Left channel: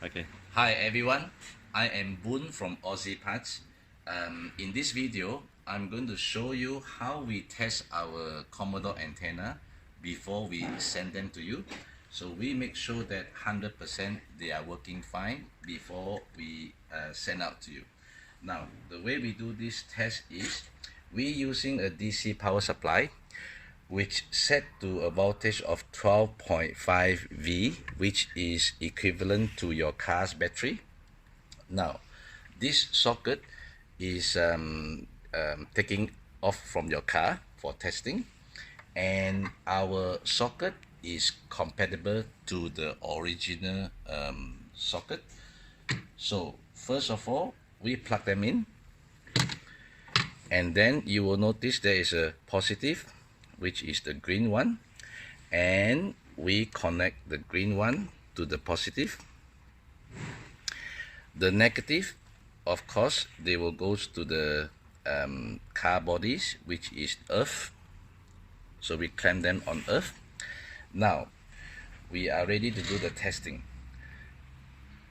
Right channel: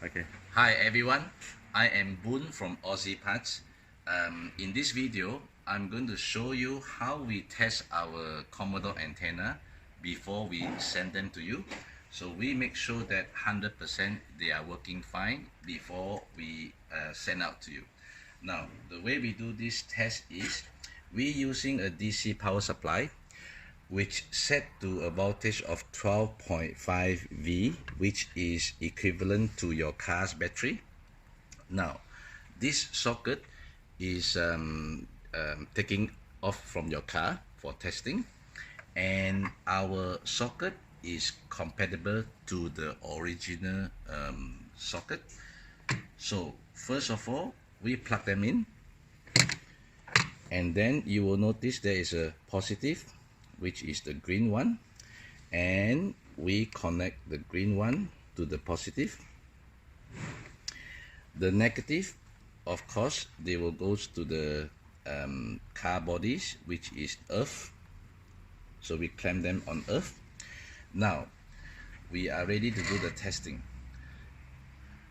Okay. Hi everyone, I am Boon from Ozeparts. In this video, I'm going to show you how we test our Commodore antenna before we send them to you. So we make sure that 100% they are working fine before we send out to you. Now, the way we do this test is we using a DC power supply which set to a voltage of 12.5 V, which is equivalent to your car's battery. Now, this socket is taking off from your car for testing, and our socket is compatible to the original socket. So first of all, we plug them in, and then you will notice there is a positive, which is the green one, and we connect the green one to the positive. The negative, of course, they will go to the car bodies, which is earth, so we clamp them on earth. Now we are ready to do the testing.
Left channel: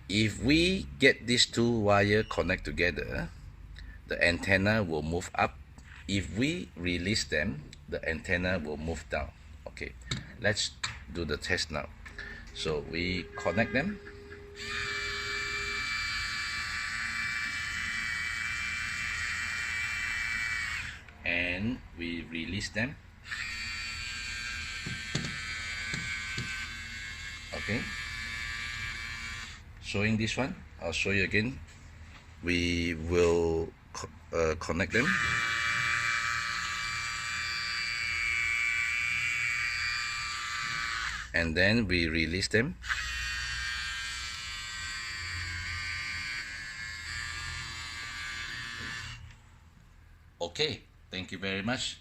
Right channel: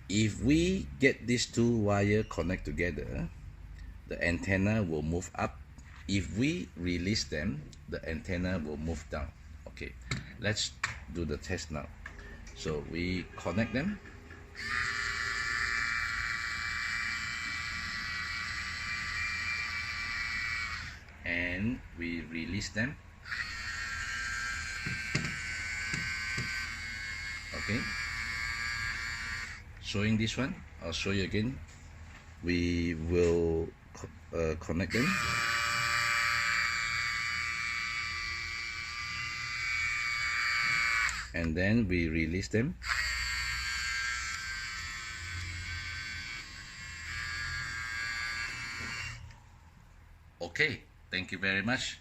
If we get these two wires connect together, the antenna will move up. If we release them, the antenna will move down. Okay, let's do the test now. So we connect them. And we release them. Okay, showing this one, I'll show you again. We will connect them. And then we release them. Okay, thank you very much.